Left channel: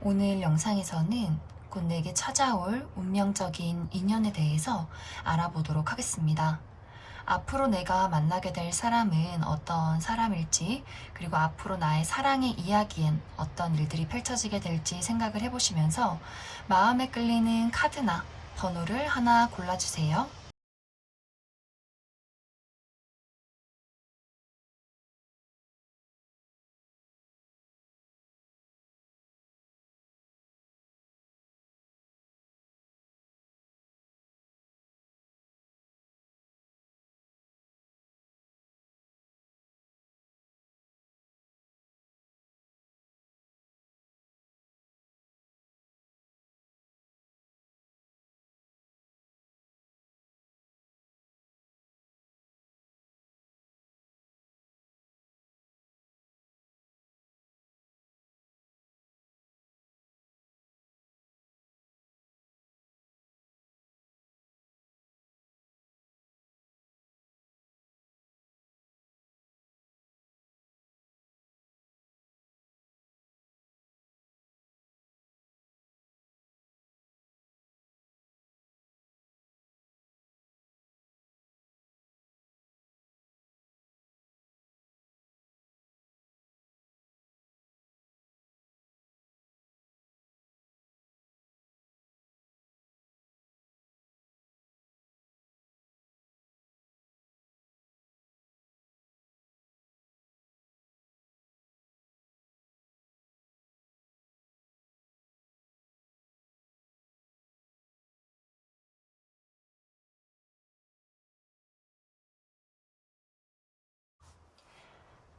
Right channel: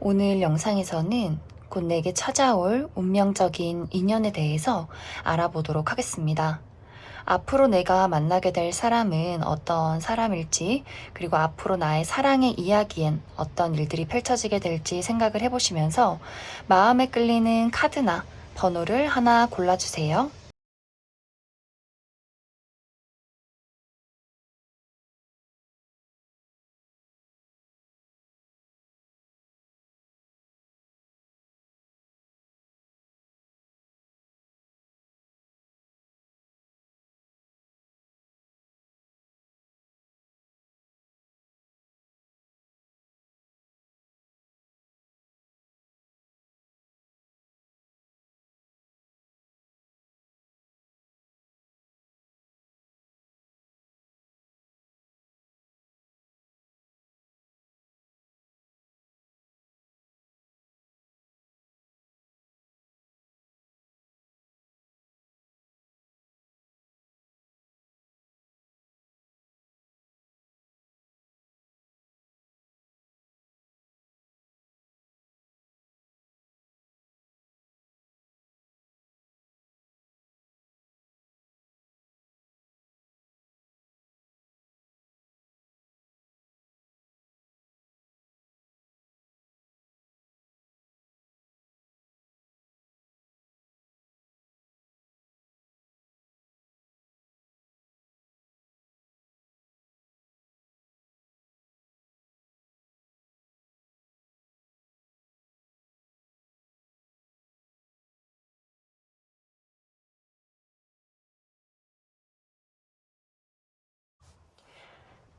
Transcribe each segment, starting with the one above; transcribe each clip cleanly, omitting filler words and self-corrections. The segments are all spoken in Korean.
오늘 영상에서는 곧 내게 찾아올 운명적인 인연에 대해서 알아보도록 하겠습니다. 앞으로 내가 만나게 될 사람은 어떤 사람일지, 그리고 앞으로 나의 사랑의 이야기엔 어떤 일들이 펼쳐지게 될지 생각을 해보시면서 마음에 끌리는 카드나 번호를 하나 골라주세요.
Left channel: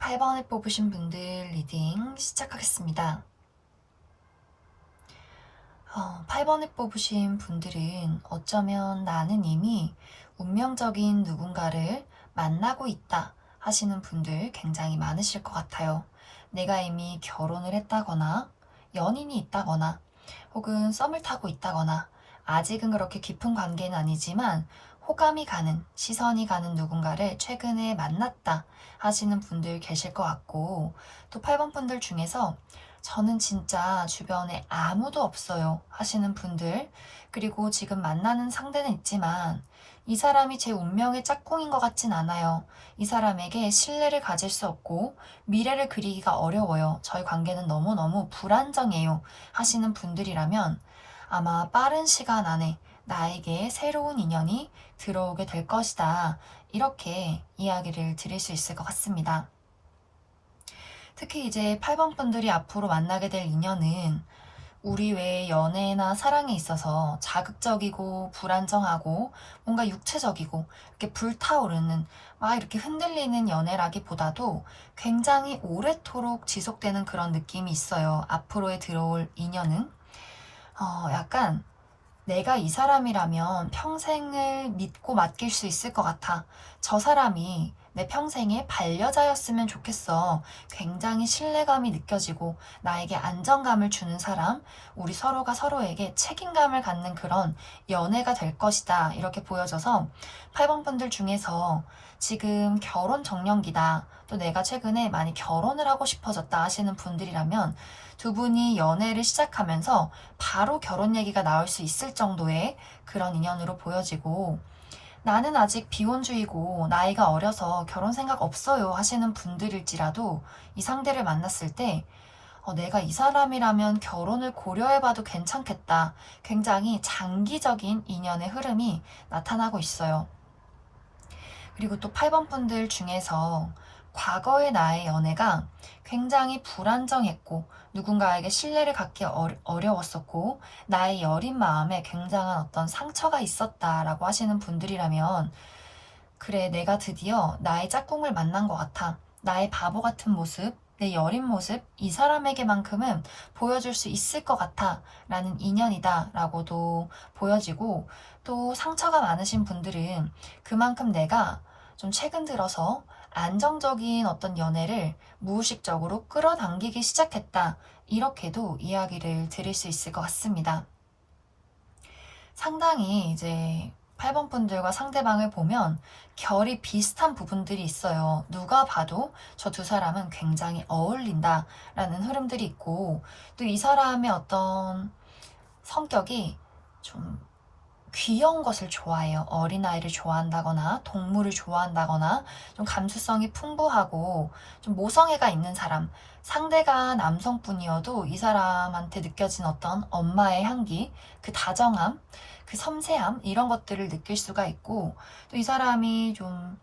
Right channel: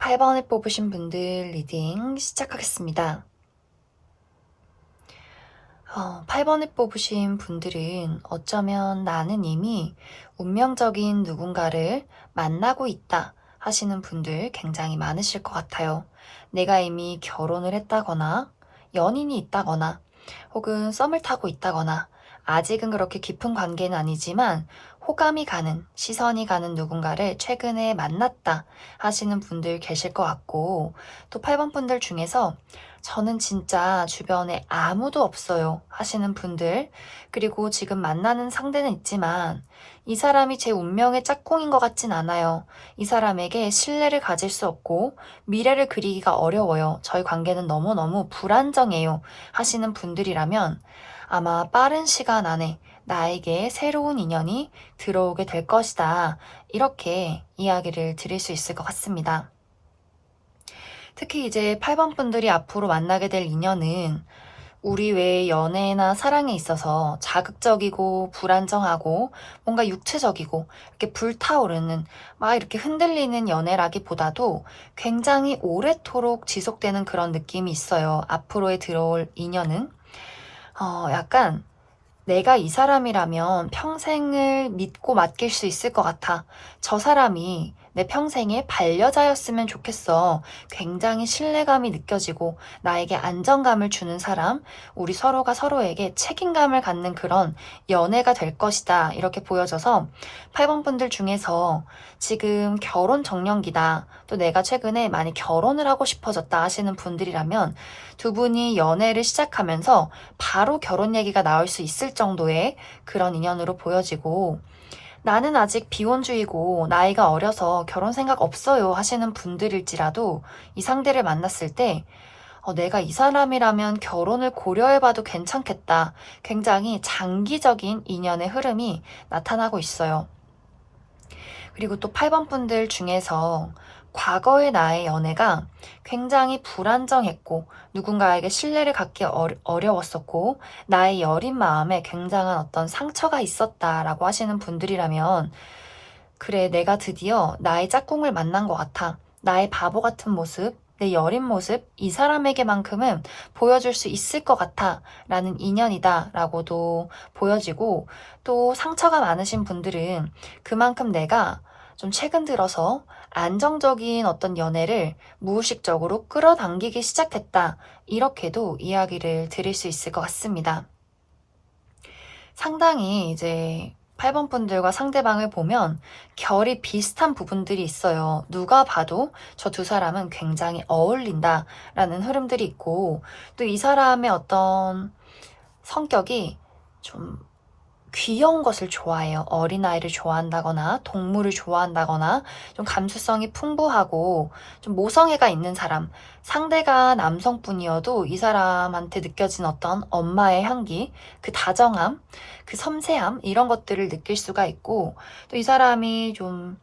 (8) 번을 뽑으신 분들 리딩 시작하겠습니다. 8번을 뽑으신 분들은 어쩌면 나는 이미 운명적인 누군가를 만나고 있다 하시는 분들 굉장히 많으실 것 같아요. 내가 이미 결혼을 했다거나 연인이 있다거나 혹은 썸을 타고 있다거나 아직은 그렇게 깊은 관계는 아니지만 호감이 가는, 시선이 가는 누군가를 최근에 만났다 하시는 분들 계실 것 같고, 또 8번 분들 중에서 저는 진짜 주변에 아무도 없어요 하시는 분들, 그리고 지금 만나는 상대는 있지만 이 사람이 제 운명의 짝꿍인 것 같진 않아요. 이 사람에게 신뢰를 가질 수 없고 미래를 그리기가 어려워요. 저희 관계는 너무너무 불안정해요 하시는 분들이라면 아마 빠른 시간 안에 나에게 새로운 인연이 들어오게 될 것이다. 이렇게 이야기를 드릴 수 있을 것 같습니다. 특히 이제 8번 분들이 앞으로 만나게 될 인연은 우리 외의 연애나 사랑에 있어서 자극적이고 불안정하고 뭔가 육체적이고 이렇게 불타오르는 막 이렇게 흔들리는 연애라기보다도 굉장히 오래도록 지속되는 그런 느낌이 있어요. 앞으로의 들어올 인연은 약간 내가 이 사람이라면 평생을 믿고 맡길 수 있을 것 같아. 저 사람이 내 평생의 반려자였으면 좋겠어. 굉장히 신뢰감이 느껴지고 나에게 안정감을 주는 사람, 우리 서로가 서로에게 책임감을 갖는 그런 연애가 될 것이다. 이렇게 보여져서 8번 분들 중에서 지금 결혼 정년기다. 또 내가 최근에 많이 결혼을 하고 싶어졌다 하시는 분들이라면 두 분이 연애를 시작하면서 바로 결혼 얘기가 나올 수 있을 정도의 그런 인연으로 보여지고, 나는 아직 비혼주의고 나이가 어려서 결혼 생각 없어요 하시는 분들일지라도 이 상대를 만났을 때 내가 이 사람이라면 결혼을 고려해봐도 괜찮겠다. 굉장히 장기적인 인연의 흐름이 나타나고 있어요. 그리고 또 8번 분들 중에서 과거의 나의 연애가 굉장히 불안정했고 누군가에게 신뢰를 갖기 어려웠었고 나의 여린 마음에 굉장한 어떤 상처가 있었다라고 하시는 분들이라면, 그래, 내가 드디어 나의 짝꿍을 만난 것 같아. 나의 바보 같은 모습, 내 여린 모습, 이 사람에게만큼은 보여줄 수 있을 것 같아. 라는 인연이다. 라고도 보여지고, 또 상처가 많으신 분들은 그만큼 내가 좀 최근 들어서 안정적인 어떤 연애를 무의식적으로 끌어당기기 시작했다. 이렇게도 이야기를 드릴 수 있을 것 같습니다. 상당히 이제 8번 분들과 상대방을 보면 결이 비슷한 부분들이 있어요. 누가 봐도 저 두 사람은 굉장히 어울린다라는 흐름들이 있고, 또 이 사람의 어떤 성격이 좀 귀여운 것을 좋아해요. 어린아이를 좋아한다거나 동물을 좋아한다거나 좀 감수성이 풍부하고 좀 모성애가 있는 사람, 상대가 남성분이어도 이 사람한테 느껴진 어떤 엄마의 향기, 그 다정함, 그 섬세함 이런 것들을 느낄 수가 있고, 또 이 사람이 좀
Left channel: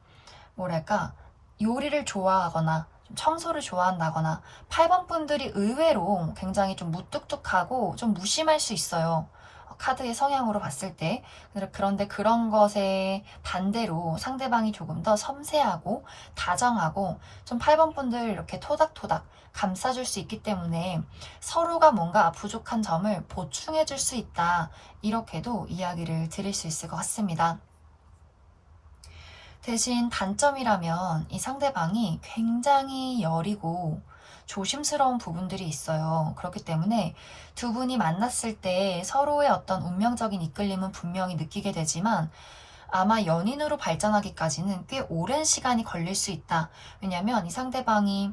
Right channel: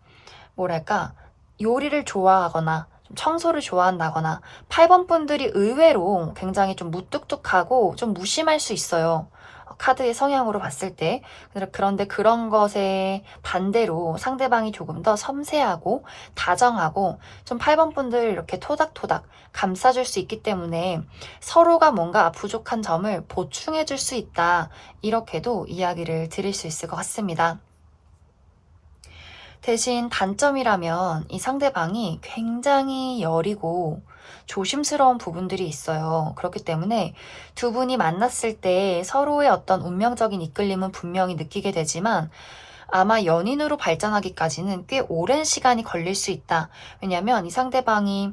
뭐랄까 요리를 좋아하거나 좀 청소를 좋아한다거나, 8번 분들이 의외로 굉장히 좀 무뚝뚝하고 좀 무심할 수 있어요. 카드의 성향으로 봤을 때. 그런데 그런 것에 반대로 상대방이 조금 더 섬세하고 다정하고 좀 8번 분들 이렇게 토닥토닥 감싸줄 수 있기 때문에 서로가 뭔가 부족한 점을 보충해 줄 수 있다. 이렇게도 이야기를 드릴 수 있을 것 같습니다. 대신 단점이라면 이 상대방이 굉장히 여리고 조심스러운 부분들이 있어요. 그렇기 때문에 두 분이 만났을 때 서로의 어떤 운명적인 이끌림은 분명히 느끼게 되지만 아마 연인으로 발전하기까지는 꽤 오랜 시간이 걸릴 수 있다. 왜냐면 이 상대방이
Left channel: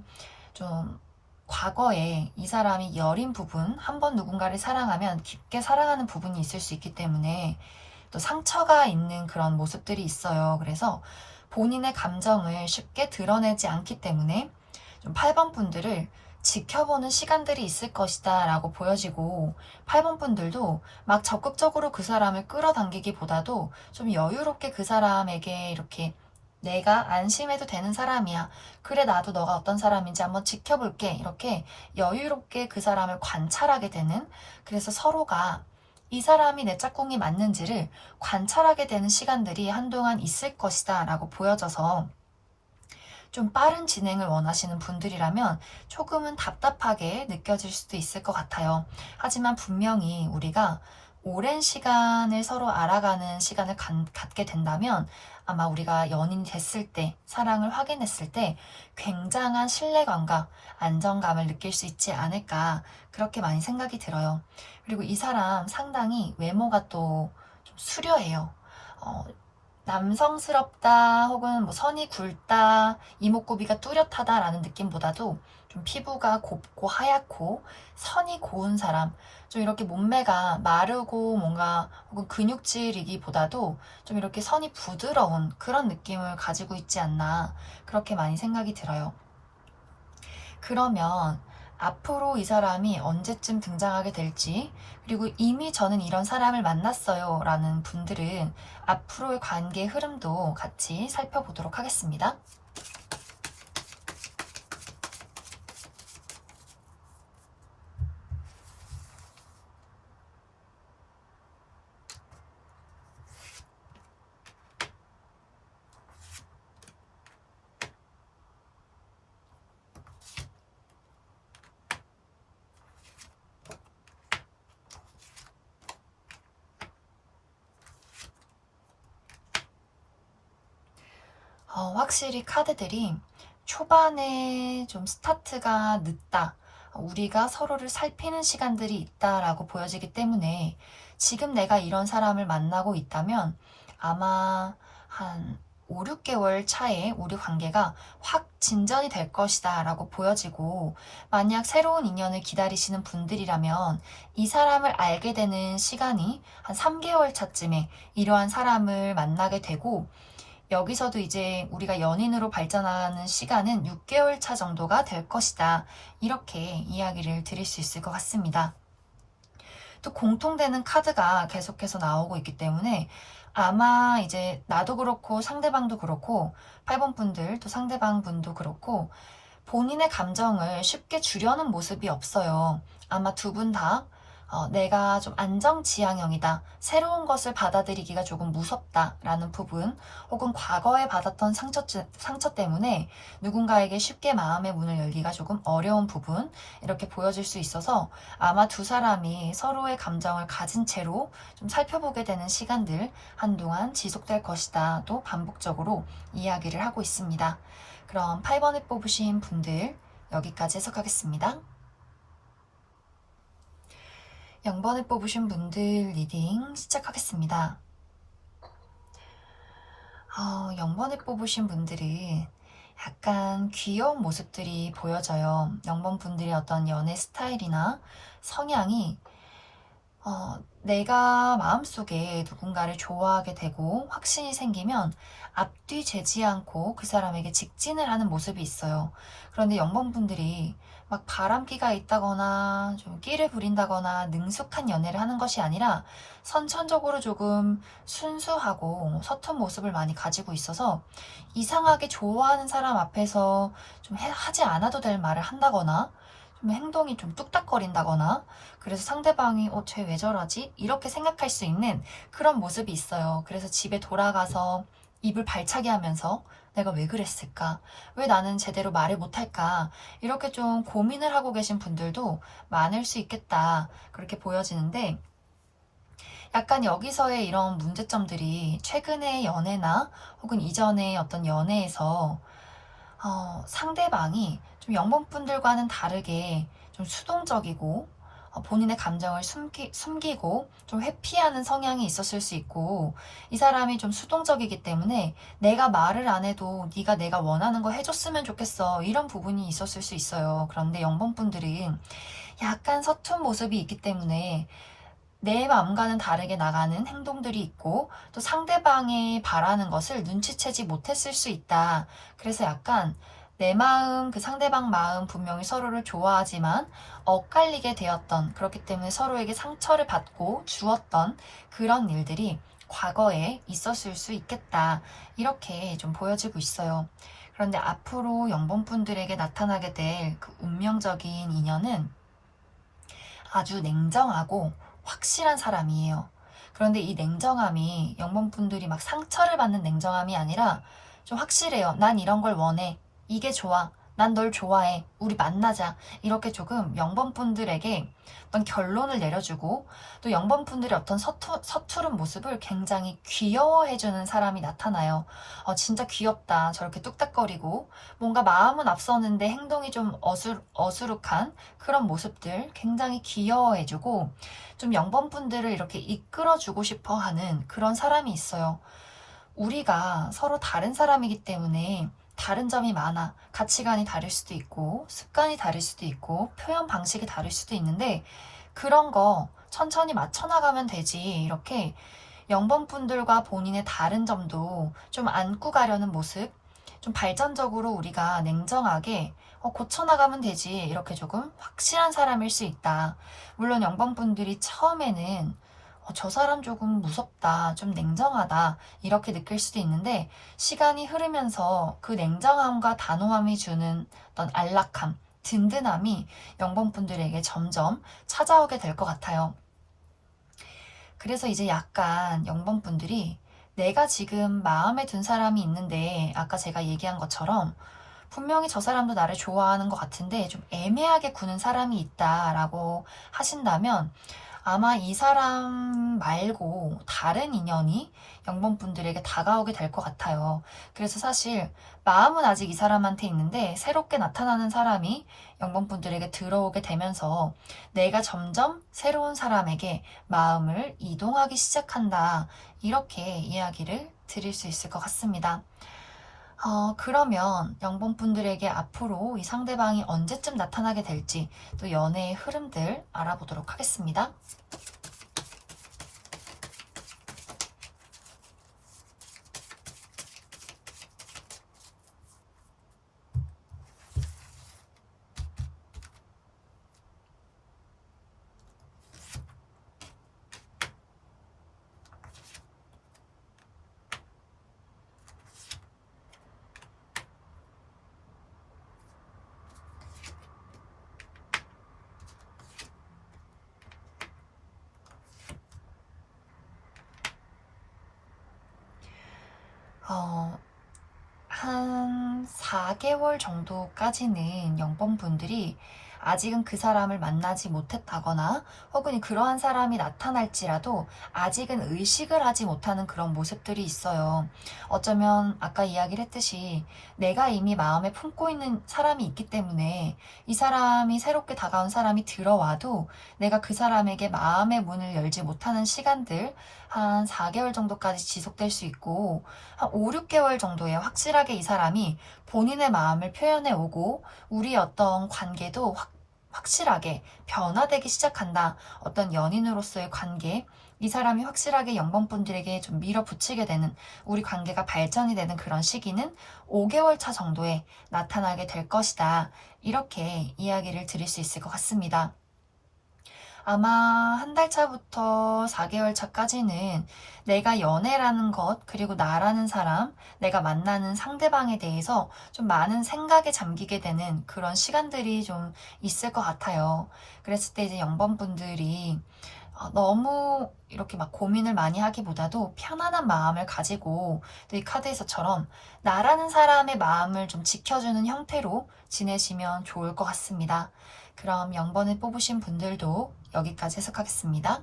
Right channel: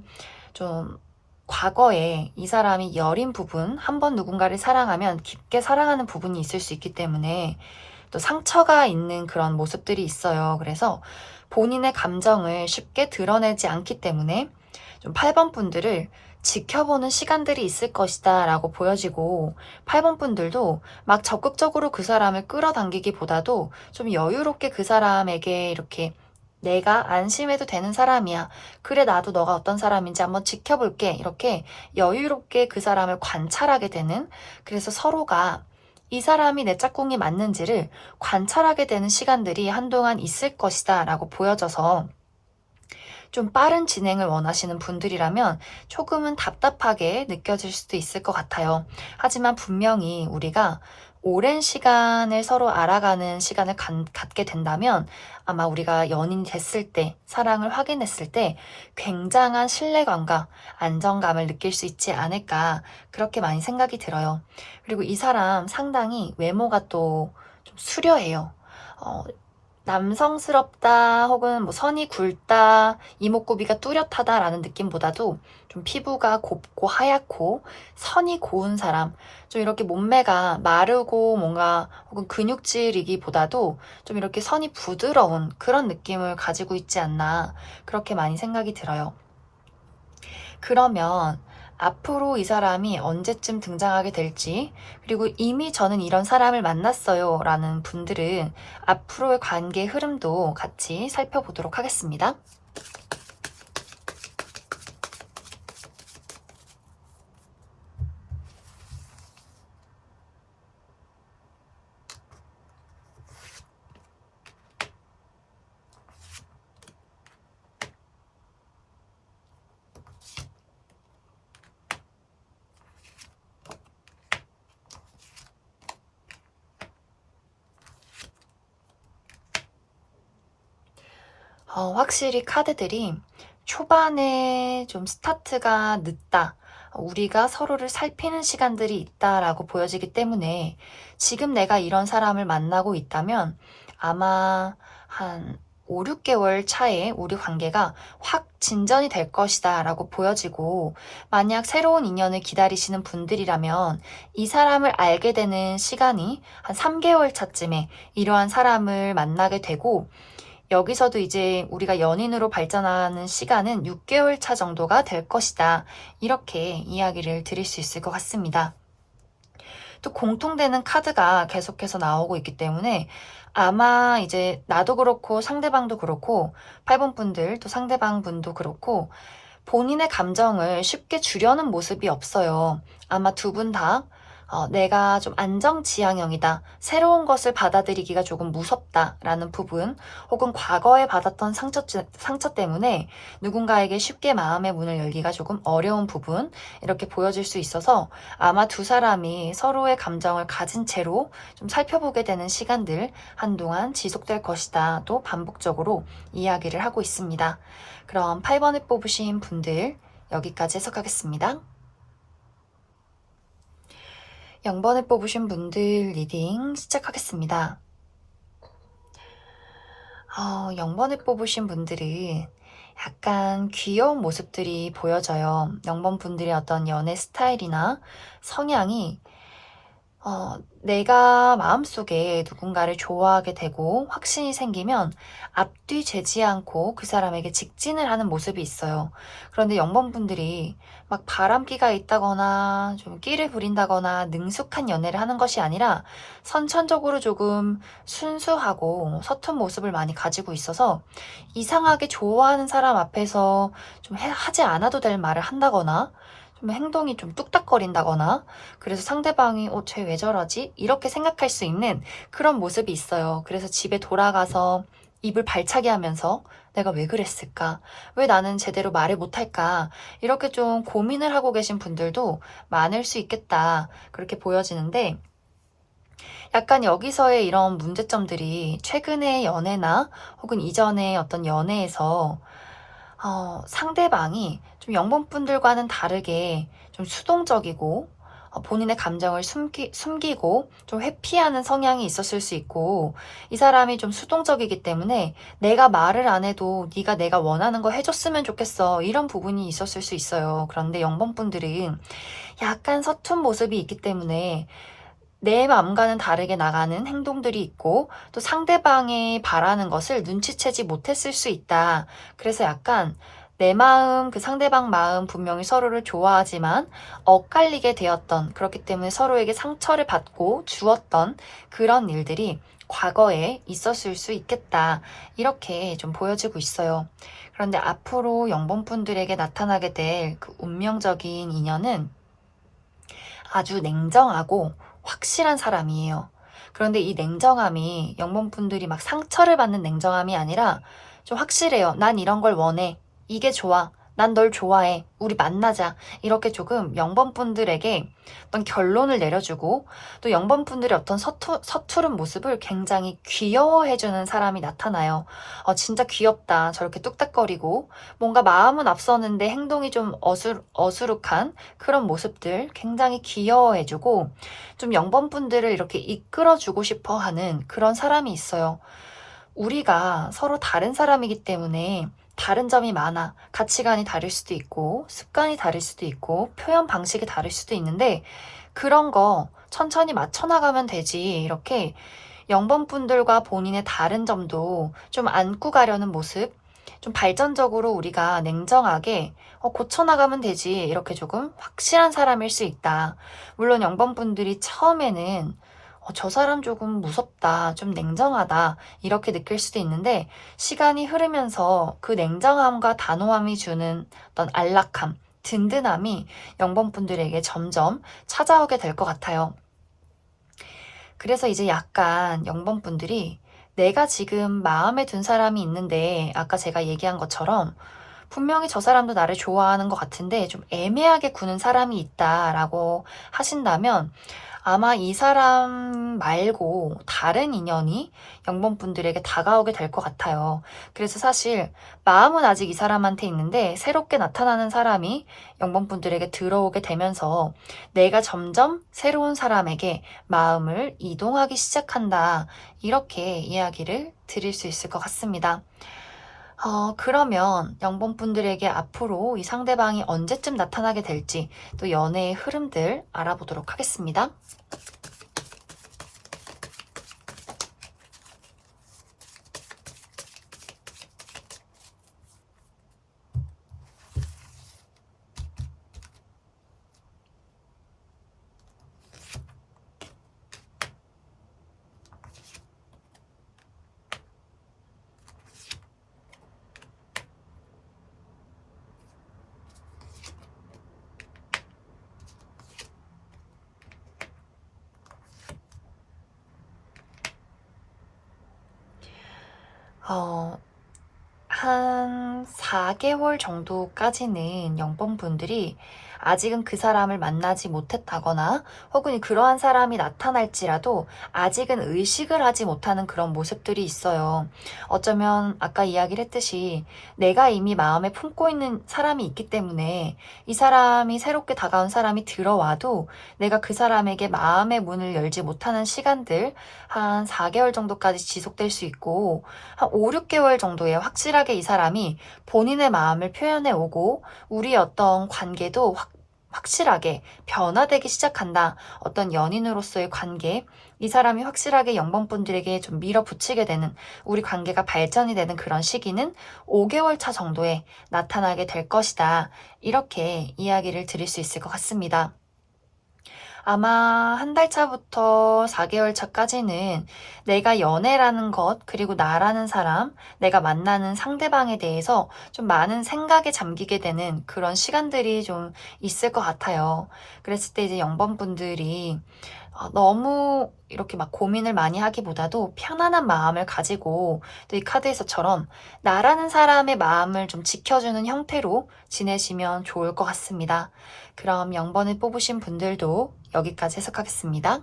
좀 과거에 이 사람이 여린 부분, 한 번 누군가를 사랑하면 깊게 사랑하는 부분이 있을 수 있기 때문에 또 상처가 있는 그런 모습들이 있어요. 그래서 본인의 감정을 쉽게 드러내지 않기 때문에 좀 8번 분들을 지켜보는 시간들이 있을 것이다 라고 보여지고, 8번 분들도 막 적극적으로 그 사람을 끌어당기기보다도 좀 여유롭게 그 사람에게 이렇게 내가 안심해도 되는 사람이야. 그래, 나도 너가 어떤 사람인지 한번 지켜볼게. 이렇게 여유롭게 그 사람을 관찰하게 되는, 그래서 서로가 이 사람이 내 짝꿍이 맞는지를 관찰하게 되는 시간들이 한동안 있을 것이다 라고 보여져서, 좀 빠른 진행을 원하시는 분들이라면 조금은 답답하게 느껴질 수도 있을 것 같아요. 하지만 분명히 우리가 오랜 시간을 서로 알아가는 시간을 갖게 된다면 아마 우리가 연인이 됐을 때, 사랑을 확인했을 때 굉장한 신뢰감과 안정감을 느낄 수 있지 않을까, 그렇게 많이 생각이 들어요. 그리고 이 사람 상당히 외모가 또 좀 수려해요. 어, 남성스럽다 혹은 뭐 선이 굵다, 이목구비가 뚜렷하다라는 느낌보다도 좀 피부가 곱고 하얗고 선이 고운 사람, 좀 이렇게 몸매가 마르고 뭔가 혹은 근육질이기보다도 좀 이렇게 선이 부드러운 그런 느낌을 가지고 있지 않나, 그렇게 많이 생각이 들어요. 그러면 앞으로 이 사람이 언제쯤 등장하게 될지, 그리고 이미 저는 이런 사람을 만났어요 라는 분들은 앞으로의 관계 흐름도 같이 살펴보도록 하겠습니다. 확실히 카드들이 초반에 좀 스타트가 늦다, 우리가 서로를 살피는 시간들이 있다라고 보여지기 때문에 지금 내가 이런 사람을 만나고 있다면 아마 한 5, 6개월 차에 우리 관계가 확 진전이 될 것이다 라고 보여지고, 만약 새로운 인연을 기다리시는 분들이라면 이 사람을 알게 되는 시간이 한 3개월 차쯤에 이러한 사람을 만나게 되고, 여기서도 이제 우리가 연인으로 발전하는 시간은 6개월 차 정도가 될 것이다. 이렇게 이야기를 드릴 수 있을 것 같습니다. 또 공통되는 카드가 계속해서 나오고 있기 때문에 아마 이제 나도 그렇고 상대방도 그렇고 8번 분들 또 상대방 분도 그렇고 본인의 감정을 쉽게 주려는 모습이 없어요. 아마 두 분 다 내가 좀 안정지향형이다, 새로운 것을 받아들이기가 조금 무섭다라는 부분, 혹은 과거에 받았던 상처 때문에 누군가에게 쉽게 마음의 문을 열기가 조금 어려운 부분, 이렇게 보여질 수 있어서 아마 두 사람이 서로의 감정을 가진 채로 좀 살펴보게 되는 시간들 한동안 지속될 것이다, 또 반복적으로 이야기를 하고 있습니다. 그럼 8번을 뽑으신 분들 여기까지 해석하겠습니다. 0번을 뽑으신 분들 리딩 시작하겠습니다. 영번을 뽑으신 분들은 약간 귀여운 모습들이 보여져요. 영번 분들의 어떤 연애 스타일이나 성향이 내가 마음속에 누군가를 좋아하게 되고 확신이 생기면 앞뒤 재지 않고 그 사람에게 직진을 하는 모습이 있어요. 그런데 영번분들이 막 바람기가 있다거나 좀 끼를 부린다거나 능숙한 연애를 하는 것이 아니라 선천적으로 조금 순수하고 서툰 모습을 많이 가지고 있어서 이상하게 좋아하는 사람 앞에서 좀 하지 않아도 될 말을 한다거나 좀 행동이 좀 뚝딱거린다거나 그래서 상대방이 쟤 왜 저러지? 이렇게 생각할 수 있는 그런 모습이 있어요. 그래서 집에 돌아가서 입을 발차게 하면서 내가 왜 그랬을까? 왜 나는 제대로 말을 못할까? 이렇게 좀 고민을 하고 계신 분들도 많을 수 있겠다. 그렇게 보여지는데 약간 여기서의 이런 문제점들이 최근의 연애나 혹은 이전의 어떤 연애에서 상대방이 좀 영분분들과는 다르게 좀 수동적이고 본인의 감정을 숨기고 좀 회피하는 성향이 있었을 수 있고 이 사람이 좀 수동적이기 때문에 내가 말을 안 해도 네가 내가 원하는 거 해줬으면 좋겠어 이런 부분이 있었을 수 있어요. 그런데 영번분들은 약간 서툰 모습이 있기 때문에 내 마음과는 다르게 나가는 행동들이 있고 또 상대방이 바라는 것을 눈치채지 못했을 수 있다. 그래서 약간 내 마음, 그 상대방 마음 분명히 서로를 좋아하지만 엇갈리게 되었던 그렇기 때문에 서로에게 상처를 받고 주었던 그런 일들이 과거에 있었을 수 있겠다. 이렇게 좀 보여지고 있어요. 그런데 앞으로 영범분들에게 나타나게 될 그 운명적인 인연은 아주 냉정하고 확실한 사람이에요. 그런데 이 냉정함이 영범분들이 막 상처를 받는 냉정함이 아니라 좀 확실해요. 난 이런 걸 원해. 이게 좋아. 난 널 좋아해. 우리 만나자. 이렇게 조금 영범분들에게 어떤 결론을 내려주고 또 영범분들의 어떤 서투른 모습을 굉장히 귀여워해주는 사람이 나타나요. 진짜 귀엽다. 저렇게 뚝딱거리고 뭔가 마음은 앞서는데 행동이 좀 어수룩한 그런 모습들 굉장히 귀여워해주고 좀 영범분들을 이렇게 이끌어주고 싶어 하는 그런 사람이 있어요. 우리가 서로 다른 사람이기 때문에 다른 점이 많아. 가치관이 다를 수도 있고, 습관이 다를 수도 있고, 표현 방식이 다를 수도 있는데, 그런 거 천천히 맞춰나가면 되지. 이렇게 영범분들과 본인의 다른 점도 좀 안고 가려는 모습, 좀 발전적으로 우리가 냉정하게 고쳐나가면 되지. 이렇게 조금 확실한 사람일 수 있다. 물론 영범분들이 처음에는 저 사람 조금 무섭다, 좀 냉정하다, 이렇게 느낄 수도 있는데, 시간이 흐르면서 그 냉정함과 단호함이 주는 어떤 안락함, 든든함이 영범분들에게 점점 찾아오게 될 것 같아요. 그래서 이제 약간 영범분들이 내가 지금 마음에 든 사람이 있는데, 아까 제가 얘기한 것처럼 분명히 저 사람도 나를 좋아하는 것 같은데 좀 애매하게 구는 사람이 있다라고 하신다면 아마 이 사람 말고 다른 인연이 영범분들에게 다가오게 될 것 같아요. 그래서 사실 마음은 아직 이 사람한테 있는데 새롭게 나타나는 사람이 영범분들에게 들어오게 되면서 내가 점점 새로운 사람에게 마음을 이동하기 시작한다. 이렇게 이야기를 드릴 수 있을 것 같습니다. 그러면 영범분들에게 앞으로 이 상대방이 언제쯤 나타나게 될지 또 연애의 흐름들 알아보도록 하겠습니다. 어, 한 4개월 정도까지는 영범분들이 아직은 그 사람을 만나지 못했다거나 혹은 그러한 사람이 나타날지라도 아직은 의식을 하지 못하는 그런 모습들이 있어요. 어쩌면 아까 이야기를 했듯이 내가 이미 마음에 품고 있는 사람이 있기 때문에 이 사람이 새롭게 다가온 사람이 들어와도 내가 그 사람에게 마음의 문을 열지 못하는 시간들 한 4개월 정도까지 지속될 수 있고 한 5, 6개월 정도에 확실하게 이 사람이 본인의 마음을 표현해 오고 우리 어떤 관계도 확실하게 변화되기 시작한다. 어떤 연인으로서의 관계, 이 사람이 확실하게 영번분들에게 좀 밀어붙이게 되는 우리 관계가 발전이 되는 그런 시기는 5개월 차 정도에 나타나게 될 것이다. 이렇게 이야기를 드릴 수 있을 것 같습니다. 아마 한 달 차부터 4개월 차까지는 내가 연애라는 것, 그리고 나라는 사람, 내가 만나는 상대방에 대해서 좀 많은 생각에 잠기게 되는 그런 시간들이 좀 있을 것 같아요. 그랬을 때 이제 영번분들이 너무 이렇게 막 고민을 많이 하기보다도 편안한 마음을 가지고 또 이 카드에서처럼 나라는 사람의 마음을 좀 지켜주는 형태로 지내시면 좋을 것 같습니다. 그럼 0번을 뽑으신 분들도 여기까지 해석하겠습니다.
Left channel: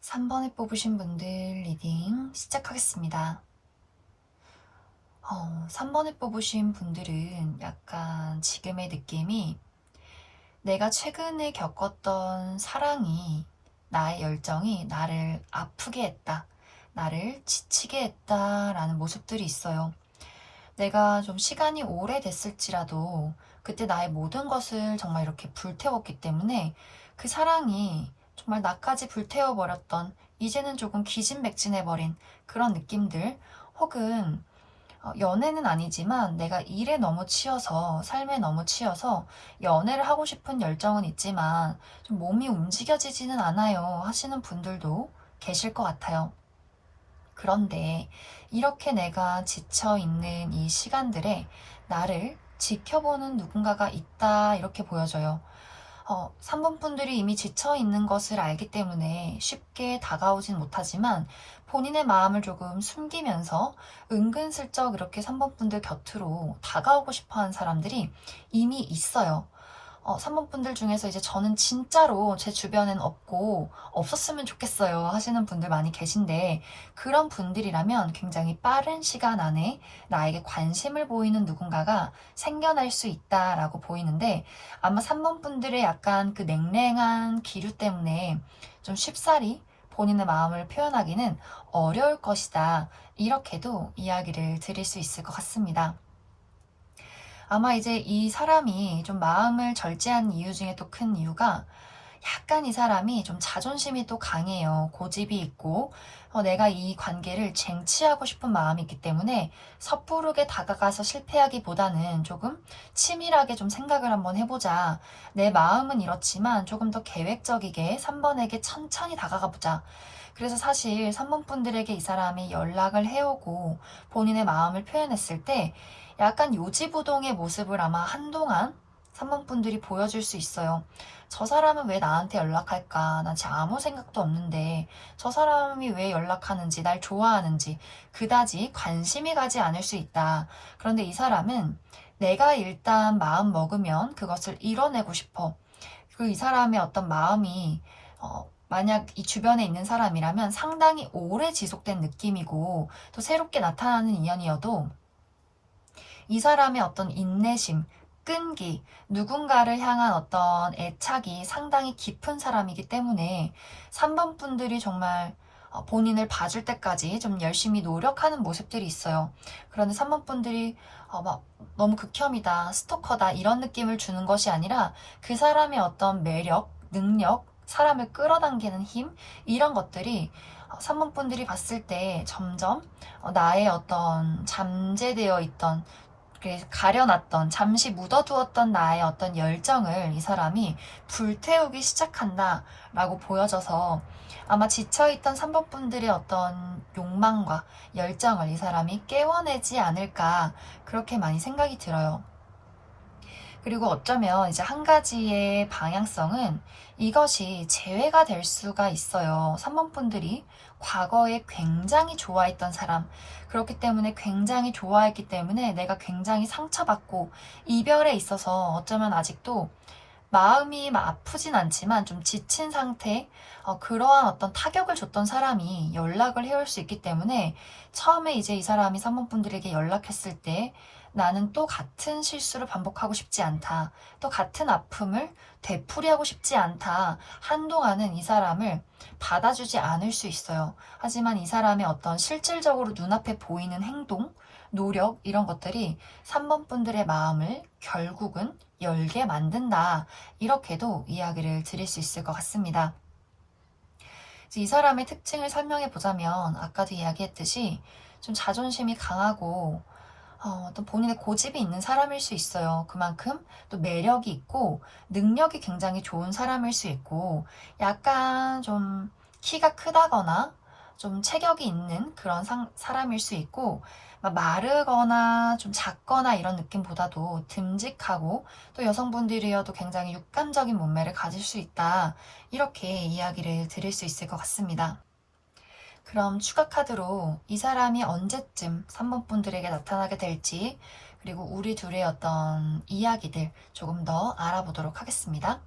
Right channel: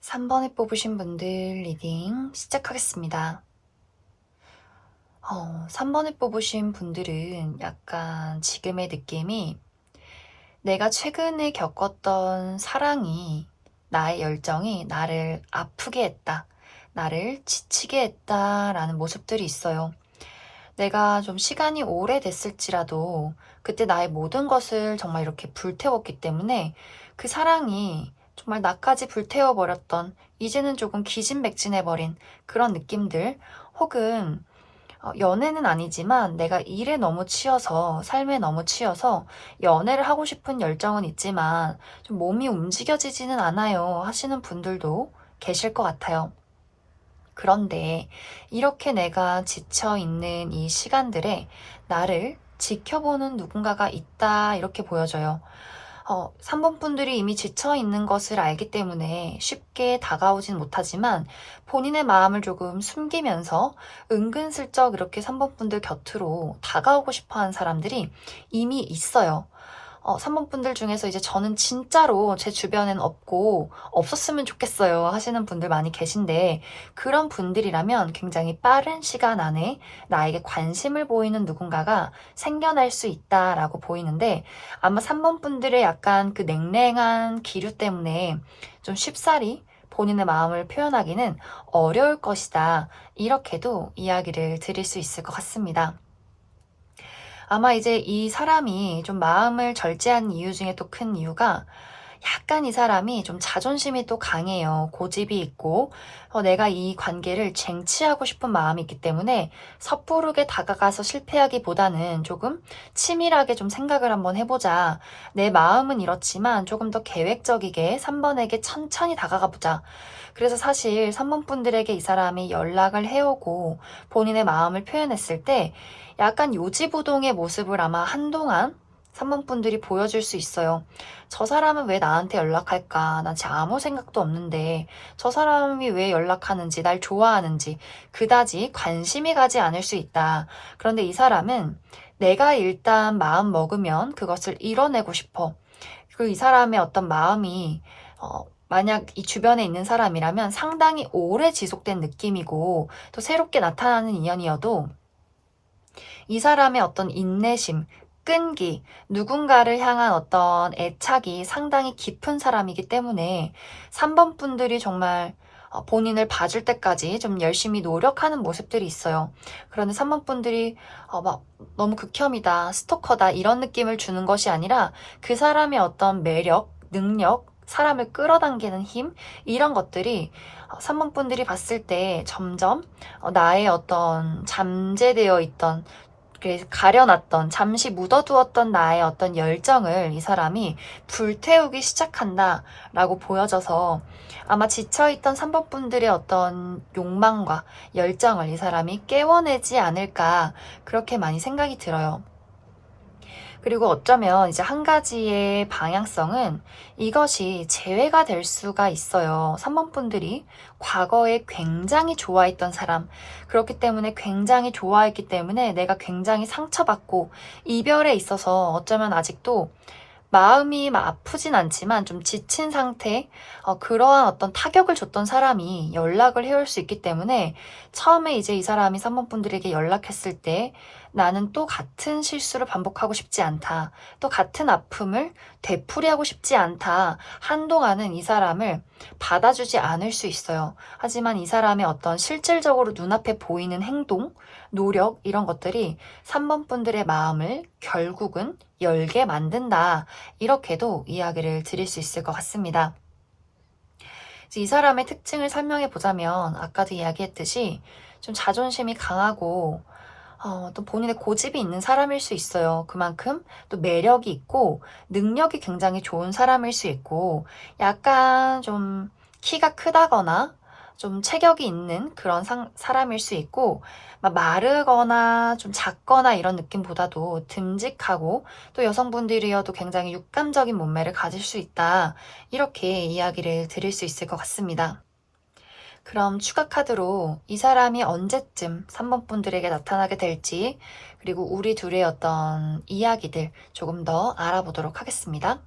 3번을 뽑으신 분들 리딩 시작하겠습니다. 3번을 뽑으신 분들은 약간 지금의 느낌이 내가 최근에 겪었던 사랑이 나의 열정이 나를 아프게 했다. 나를 지치게 했다라는 모습들이 있어요. 내가 좀 시간이 오래됐을지라도 그때 나의 모든 것을 정말 이렇게 불태웠기 때문에 그 사랑이 정말 나까지 불태워버렸던 이제는 조금 기진맥진해버린 그런 느낌들 혹은 연애는 아니지만 내가 일에 너무 치여서 삶에 너무 치여서 연애를 하고 싶은 열정은 있지만 좀 몸이 움직여지지는 않아요 하시는 분들도 계실 것 같아요. 그런데 이렇게 내가 지쳐있는 이 시간들에 나를 지켜보는 누군가가 있다 이렇게 보여져요. 3번 분들이 이미 지쳐있는 것을 알기 때문에 쉽게 다가오진 못하지만 본인의 마음을 조금 숨기면서 은근슬쩍 이렇게 3번 분들 곁으로 다가오고 싶어하는 사람들이 이미 있어요. 3번 분들 중에서 이제 저는 진짜로 제 주변엔 없고 없었으면 좋겠어요 하시는 분들 많이 계신데 그런 분들이라면 굉장히 빠른 시간 안에 나에게 관심을 보이는 누군가가 생겨날 수 있다라고 보이는데 아마 3번 분들의 약간 그 냉랭한 기류 때문에 좀 쉽사리 본인의 마음을 표현하기는 어려울 것이다. 이렇게도 이야기를 드릴 수 있을 것 같습니다. 아마 이제 이 사람이 좀 마음을 절제한 이유 중에 또 큰 이유가 약간 이 사람이 좀 자존심이 또 강해요. 고집이 있고 내가 이 관계를 쟁취하고 싶은 마음이 있기 때문에 섣부르게 다가가서 실패하기보다는 조금 치밀하게 좀 생각을 한번 해보자. 내 마음은 이렇지만 조금 더 계획적이게 3번에게 천천히 다가가 보자. 그래서 사실 3번 분들에게 이 사람이 연락을 해오고 본인의 마음을 표현했을 때 약간 요지부동의 모습을 아마 한동안 3번 분들이 보여줄 수 있어요. 저 사람은 왜 나한테 연락할까? 난 진짜 아무 생각도 없는데 저 사람이 왜 연락하는지 날 좋아하는지 그다지 관심이 가지 않을 수 있다. 그런데 이 사람은 내가 일단 마음 먹으면 그것을 이뤄내고 싶어. 그리고 이 사람의 어떤 마음이 만약 이 주변에 있는 사람이라면 상당히 오래 지속된 느낌이고 또 새롭게 나타나는 인연이어도 이 사람의 어떤 인내심, 끈기, 누군가를 향한 어떤 애착이 상당히 깊은 사람이기 때문에 3번 분들이 정말 본인을 봐줄 때까지 좀 열심히 노력하는 모습들이 있어요. 그런데 3번 분들이 막 너무 극혐이다, 스토커다 이런 느낌을 주는 것이 아니라 그 사람의 어떤 매력, 능력, 사람을 끌어당기는 힘 이런 것들이 3번 분들이 봤을 때 점점 나의 어떤 잠재되어 있던 가려놨던 잠시 묻어두었던 나의 어떤 열정을 이 사람이 불태우기 시작한다라고 보여져서 아마 지쳐있던 3번 분들의 어떤 욕망과 열정을 이 사람이 깨워내지 않을까 그렇게 많이 생각이 들어요. 그리고 어쩌면 이제 한 가지의 방향성은 이것이 재회가 될 수가 있어요. 3번 분들이 과거에 굉장히 좋아했던 사람, 그렇기 때문에 굉장히 좋아했기 때문에 내가 굉장히 상처받고 이별에 있어서 어쩌면 아직도 마음이 막 아프진 않지만 좀 지친 상태, 그러한 어떤 타격을 줬던 사람이 연락을 해올 수 있기 때문에 처음에 이제 이 사람이 3번 분들에게 연락했을 때 나는 또 같은 실수를 반복하고 싶지 않다. 또 같은 아픔을 되풀이하고 싶지 않다. 한동안은 이 사람을 받아주지 않을 수 있어요. 하지만 이 사람의 어떤 실질적으로 눈앞에 보이는 행동, 노력, 이런 것들이 3번 분들의 마음을 결국은 열게 만든다. 이렇게도 이야기를 드릴 수 있을 것 같습니다. 이 사람의 특징을 설명해 보자면 아까도 이야기했듯이 좀 자존심이 강하고 또 본인의 고집이 있는 사람일 수 있어요. 그만큼 또 매력이 있고 능력이 굉장히 좋은 사람일 수 있고 약간 좀 키가 크다거나 좀 체격이 있는 그런 사람일 수 있고 막 마르거나 좀 작거나 이런 느낌보다도 듬직하고 또 여성분들이어도 굉장히 육감적인 몸매를 가질 수 있다. 이렇게 이야기를 드릴 수 있을 것 같습니다. 그럼 추가 카드로 이 사람이 언제쯤 3번 분들에게 나타나게 될지, 그리고 우리 둘의 어떤 이야기들 조금 더 알아보도록 하겠습니다.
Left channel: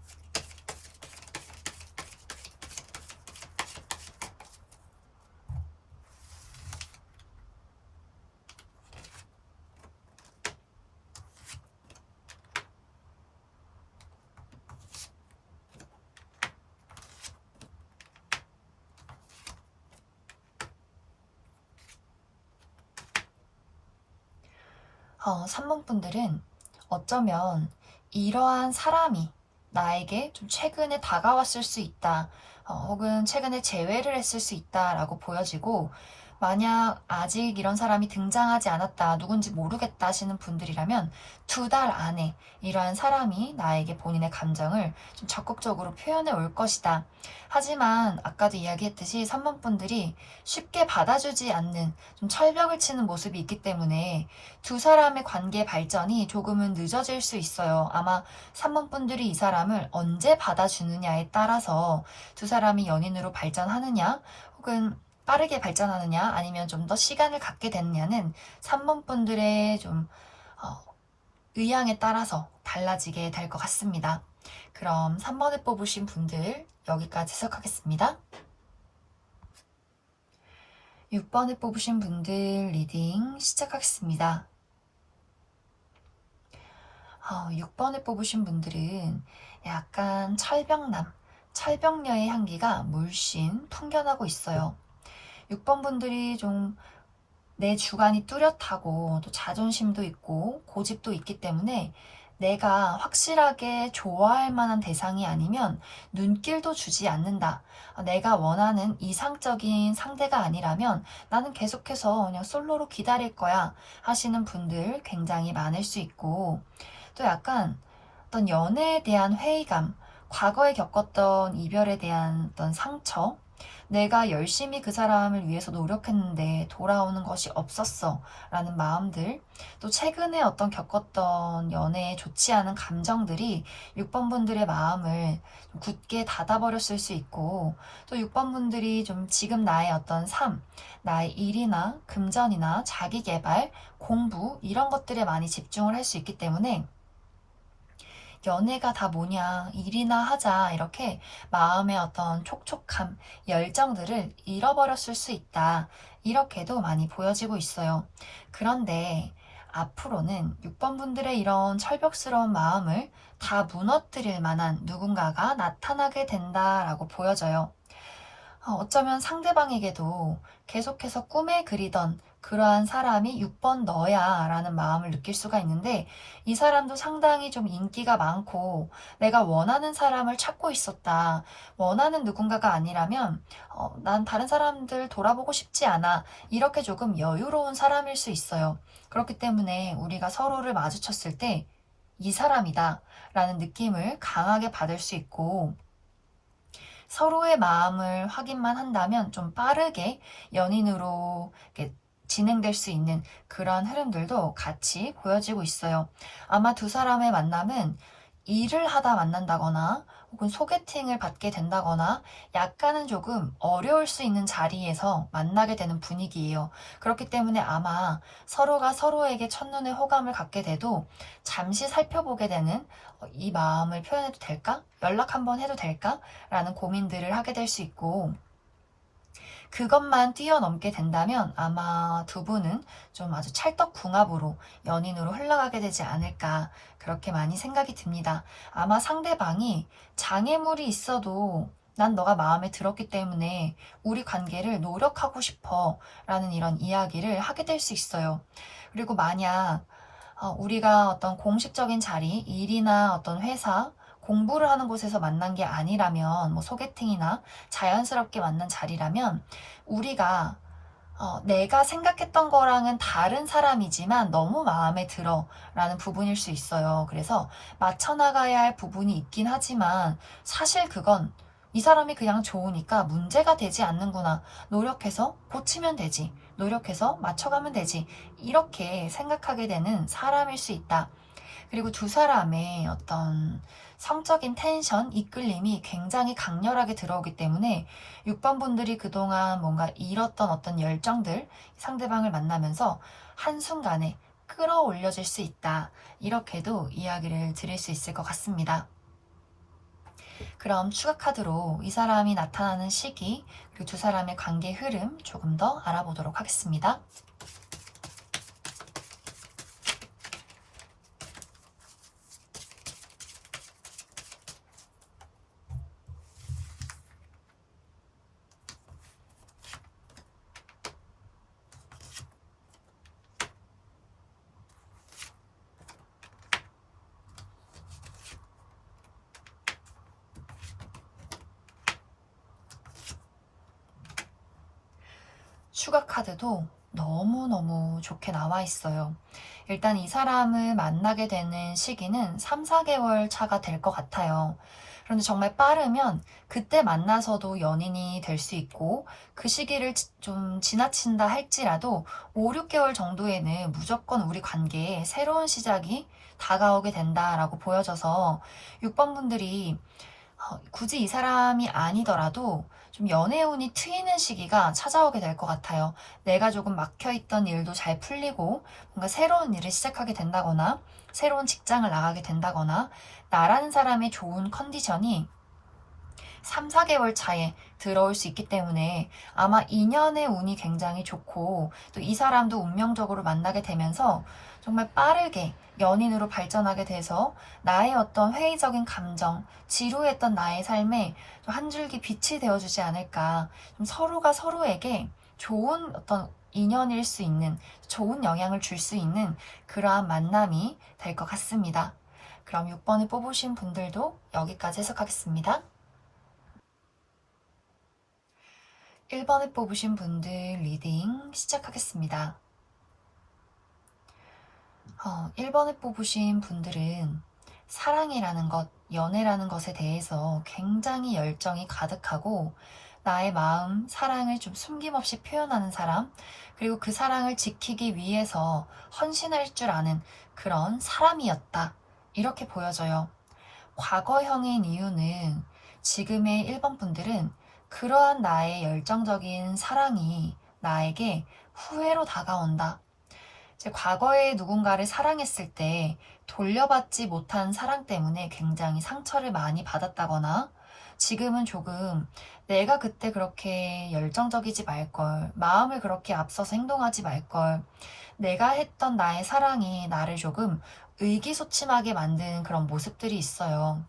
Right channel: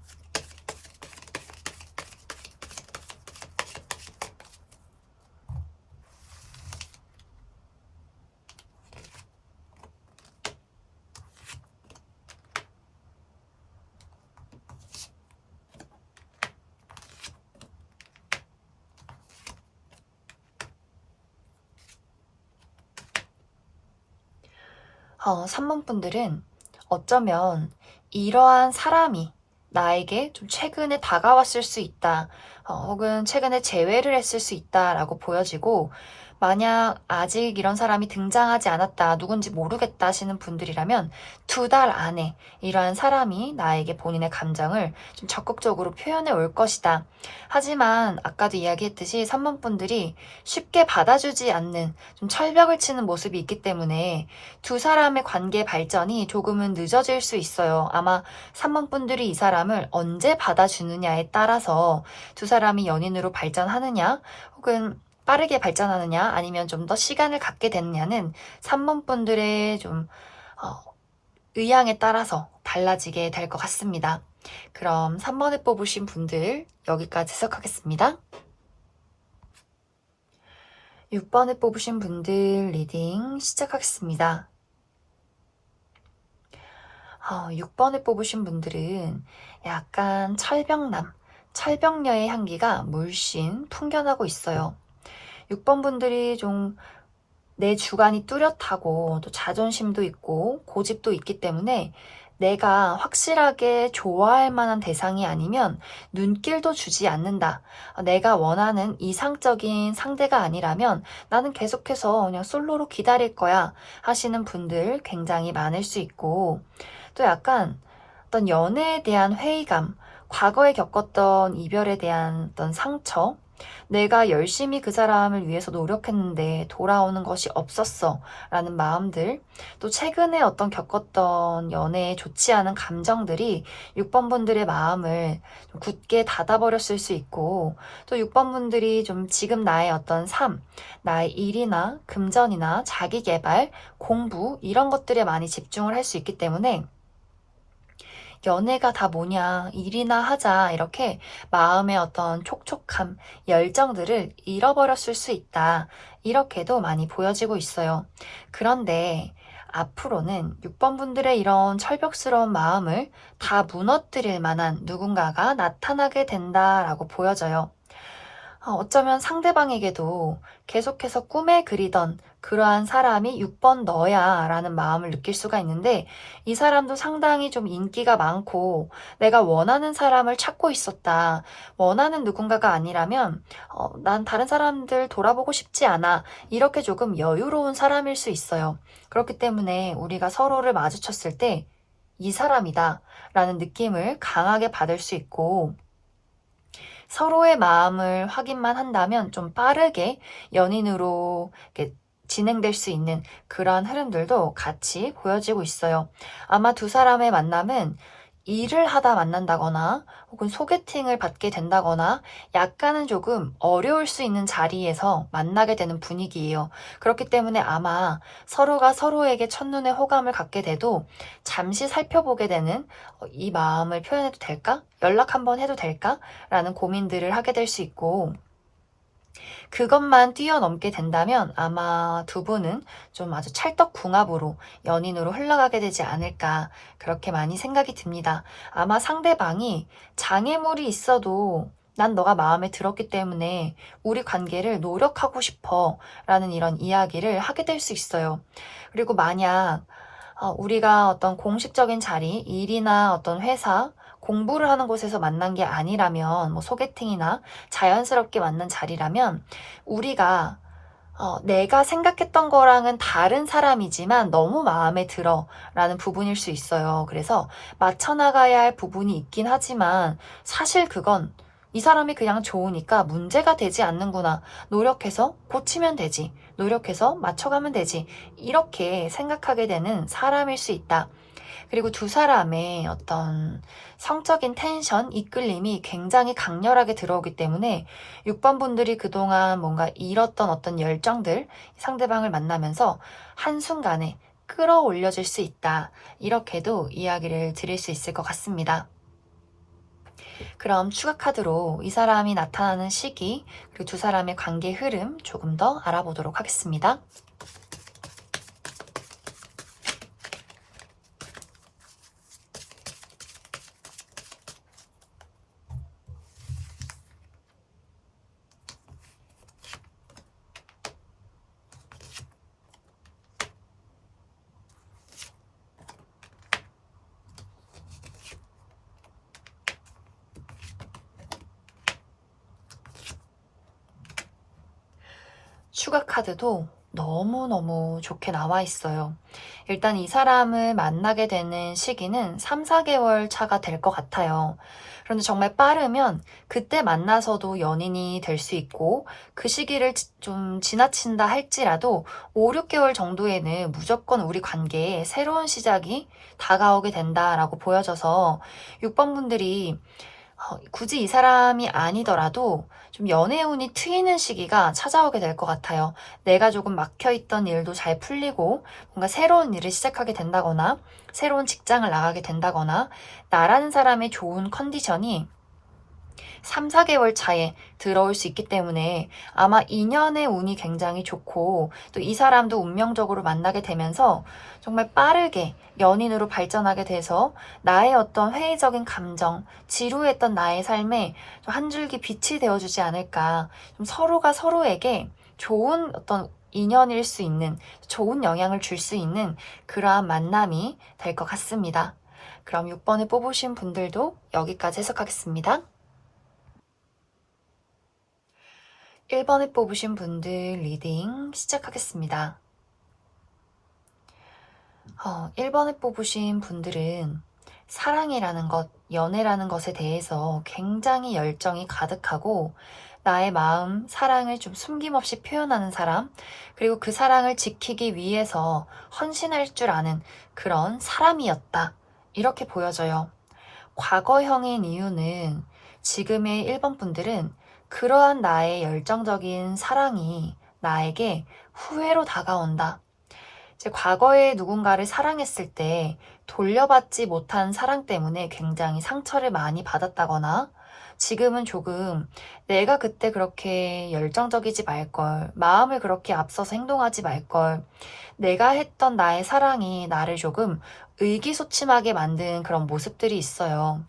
어, 3번 분들은 어쩌면 이러한 사람이 나에게 좀 최근에 다가왔을 수 있다. 혹은 최근에 재회를 했을 수 있다라고 보여지고, 만약 아직 이런 사람이 등장하지 않았다, 누군지 모르겠다 하시는 분들이라면 2달 안에 이러한 사람이 나에게 본인의 감정을 좀 적극적으로 표현해 올 것이다. 하지만 아까도 이야기했듯이 3번 분들이 쉽게 받아주지 않는 좀 철벽을 치는 모습이 있기 때문에 두 사람의 관계 발전이 조금은 늦어질 수 있어요. 아마 3번 분들이 이 사람을 언제 받아주느냐에 따라서 두 사람이 연인으로 발전하느냐, 혹은 빠르게 발전하느냐, 아니면 좀 더 시간을 갖게 되느냐는 3번 분들의 좀 의향에 따라서 달라지게 될 것 같습니다. 그럼 3번에 뽑으신 분들 여기까지 시작하겠습니다. 6번에 뽑으신 분들 리딩 시작하겠습니다. 6번에 뽑으신 분들은 약간 철벽녀의 향기가 물씬 풍겨나고 있어요. 6번 분들이 좀 내 주관이 뚜렷하고 또 자존심도 있고 고집도 있기 때문에 내가 확실하게 좋아할 만한 대상이 아니면 눈길도 주지 않는다. 내가 원하는 이상적인 상대가 아니라면 나는 계속해서 그냥 솔로로 기다릴 거야 하시는 분들 굉장히 많을 수 있고, 또 약간 어떤 연애에 대한 회의감, 과거에 겪었던 이별에 대한 어떤 상처, 내가 열심히 그 사람을 위해서 노력했는데 돌아오는 것이 없었어 라는 마음들, 또 최근에 어떤 겪었던 연애에 좋지 않은 감정들이 6번 분들의 마음을 좀 굳게 닫아버렸을 수 있고, 또 6번 분들이 좀 지금 나의 어떤 삶, 나의 일이나 금전이나 자기개발, 공부 이런 것들에 많이 집중을 할 수 있기 때문에 연애가 다 뭐냐, 일이나 하자, 이렇게 마음의 어떤 촉촉함, 열정들을 잃어버렸을 수 있다. 이렇게도 많이 보여지고 있어요. 그런데 앞으로는 6번 분들의 이런 철벽스러운 마음을 다 무너뜨릴 만한 누군가가 나타나게 된다라고 보여져요. 어쩌면 상대방에게도 계속해서 꿈에 그리던 그러한 사람이 6번 너야 라는 마음을 느낄 수가 있는데, 이 사람도 상당히 좀 인기가 많고 내가 원하는 사람을 찾고 있었다. 원하는 누군가가 아니라면 난 다른 사람들 돌아보고 싶지 않아. 이렇게 조금 여유로운 사람일 수 있어요. 그렇기 때문에 우리가 서로를 마주쳤을 때 이 사람이다 라는 느낌을 강하게 받을 수 있고, 서로의 마음을 확인만 한다면 좀 빠르게 연인으로 이렇게 진행될 수 있는 그러한 흐름들도 같이 보여지고 있어요. 아마 두 사람의 만남은 일을 하다 만난다거나 혹은 소개팅을 받게 된다거나 약간은 조금 어려울 수 있는 자리에서 만나게 되는 분위기예요. 그렇기 때문에 아마 서로가 서로에게 첫눈에 호감을 갖게 돼도 잠시 살펴보게 되는 이 마음을 표현해도 될까? 연락 한번 해도 될까? 라는 고민들을 하게 될 수 있고 그것만 뛰어넘게 된다면 아마 두 분은 좀 아주 찰떡궁합으로 연인으로 흘러가게 되지 않을까 그렇게 많이 생각이 듭니다. 아마 상대방이 장애물이 있어도 난 너가 마음에 들었기 때문에 우리 관계를 노력하고 싶어 라는 이런 이야기를 하게 될 수 있어요. 그리고 만약 우리가 어떤 공식적인 자리, 일이나 어떤 회사, 공부를 하는 곳에서 만난 게 아니라면, 뭐 소개팅이나 자연스럽게 만난 자리라면, 우리가 내가 생각했던 거랑은 다른 사람이지만 너무 마음에 들어 라는 부분일 수 있어요. 그래서 맞춰나가야 할 부분이 있긴 하지만 사실 그건 이 사람이 그냥 좋으니까 문제가 되지 않는구나. 노력해서 고치면 되지. 노력해서 맞춰가면 되지. 이렇게 생각하게 되는 사람일 수 있다. 그리고 두 사람의 어떤 성적인 텐션, 이끌림이 굉장히 강렬하게 들어오기 때문에 6번 분들이 그동안 뭔가 잃었던 어떤 열정들, 상대방을 만나면서 한순간에 끌어올려질 수 있다. 이렇게도 이야기를 드릴 수 있을 것 같습니다. 그럼 추가 카드로 이 사람이 나타나는 시기, 그리고 두 사람의 관계 흐름 조금 더 알아보도록 하겠습니다. 추가 카드도 너무너무 좋게 나와 있어요. 일단 이 사람을 만나게 되는 시기는 3, 4개월 차가 될 것 같아요. 그런데 정말 빠르면 그때 만나서도 연인이 될 수 있고 그 시기를 좀 지나친다 할지라도 5, 6개월 정도에는 무조건 우리 관계에 새로운 시작이 다가오게 된다라고 보여져서 6번 분들이 굳이 이 사람이 아니더라도 좀 연애운이 트이는 시기가 찾아오게 될 것 같아요. 내가 조금 막혀있던 일도 잘 풀리고 뭔가 새로운 일을 시작하게 된다거나 새로운 직장을 나가게 된다거나 나라는 사람의 좋은 컨디션이 3, 4개월 차에 들어올 수 있기 때문에 아마 인연의 운이 굉장히 좋고 또 이 사람도 운명적으로 만나게 되면서 정말 빠르게 연인으로 발전하게 돼서 나의 어떤 회의적인 감정, 지루했던 나의 삶에 한 줄기 빛이 되어주지 않을까. 좀 서로가 서로에게 좋은 어떤 인연일 수 있는, 좋은 영향을 줄 수 있는 그러한 만남이 될 것 같습니다. 그럼 6번을 뽑으신 분들도 여기까지 해석하겠습니다. 1번을 뽑으신 분들 리딩 시작하겠습니다. 1번을 뽑으신 분들은 사랑이라는 것, 연애라는 것에 대해서 굉장히 열정이 가득하고 나의 마음, 사랑을 좀 숨김없이 표현하는 사람, 그리고 그 사랑을 지키기 위해서 헌신할 줄 아는 그런 사람이었다. 이렇게 보여져요. 과거형인 이유는 지금의 1번 분들은 그러한 나의 열정적인 사랑이 나에게 후회로 다가온다. 제 과거에 누군가를 사랑했을 때 돌려받지 못한 사랑 때문에 굉장히 상처를 많이 받았다거나 지금은 조금 내가 그때 그렇게 열정적이지 말걸, 마음을 그렇게 앞서서 행동하지 말걸, 내가 했던 나의 사랑이 나를 조금 의기소침하게 만든 그런 모습들이 있어요.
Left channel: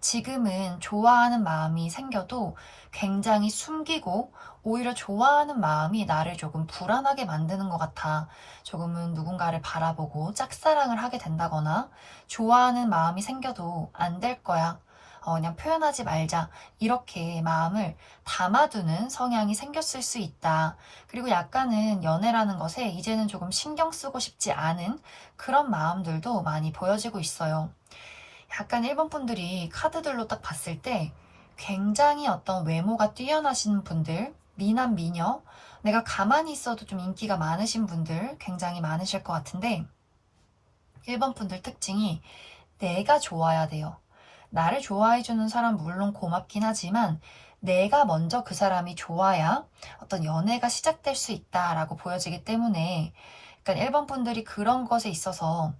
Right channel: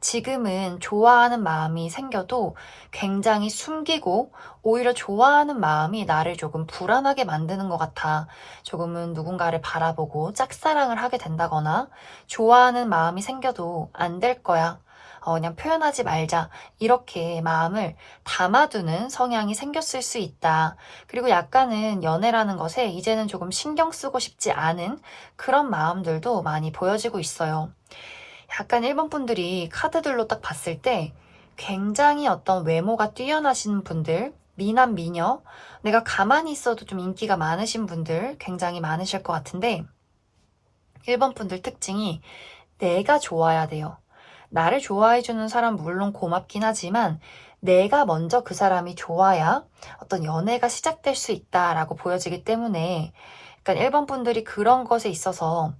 지금은 좋아하는 마음이 생겨도 굉장히 숨기고 오히려 좋아하는 마음이 나를 조금 불안하게 만드는 것 같아. 조금은 누군가를 바라보고 짝사랑을 하게 된다거나 좋아하는 마음이 생겨도 안 될 거야. 그냥 표현하지 말자. 이렇게 마음을 담아두는 성향이 생겼을 수 있다. 그리고 약간은 연애라는 것에 이제는 조금 신경 쓰고 싶지 않은 그런 마음들도 많이 보여지고 있어요. 약간 일본 분들이 카드들로 딱 봤을 때 굉장히 어떤 외모가 뛰어나신 분들, 미남, 미녀, 내가 가만히 있어도 좀 인기가 많으신 분들 굉장히 많으실 것 같은데 1번 분들 특징이 내가 좋아야 돼요. 나를 좋아해주는 사람 물론 고맙긴 하지만 내가 먼저 그 사람이 좋아야 어떤 연애가 시작될 수 있다라고 보여지기 때문에 약간 1번 분들이 그런 것에 있어서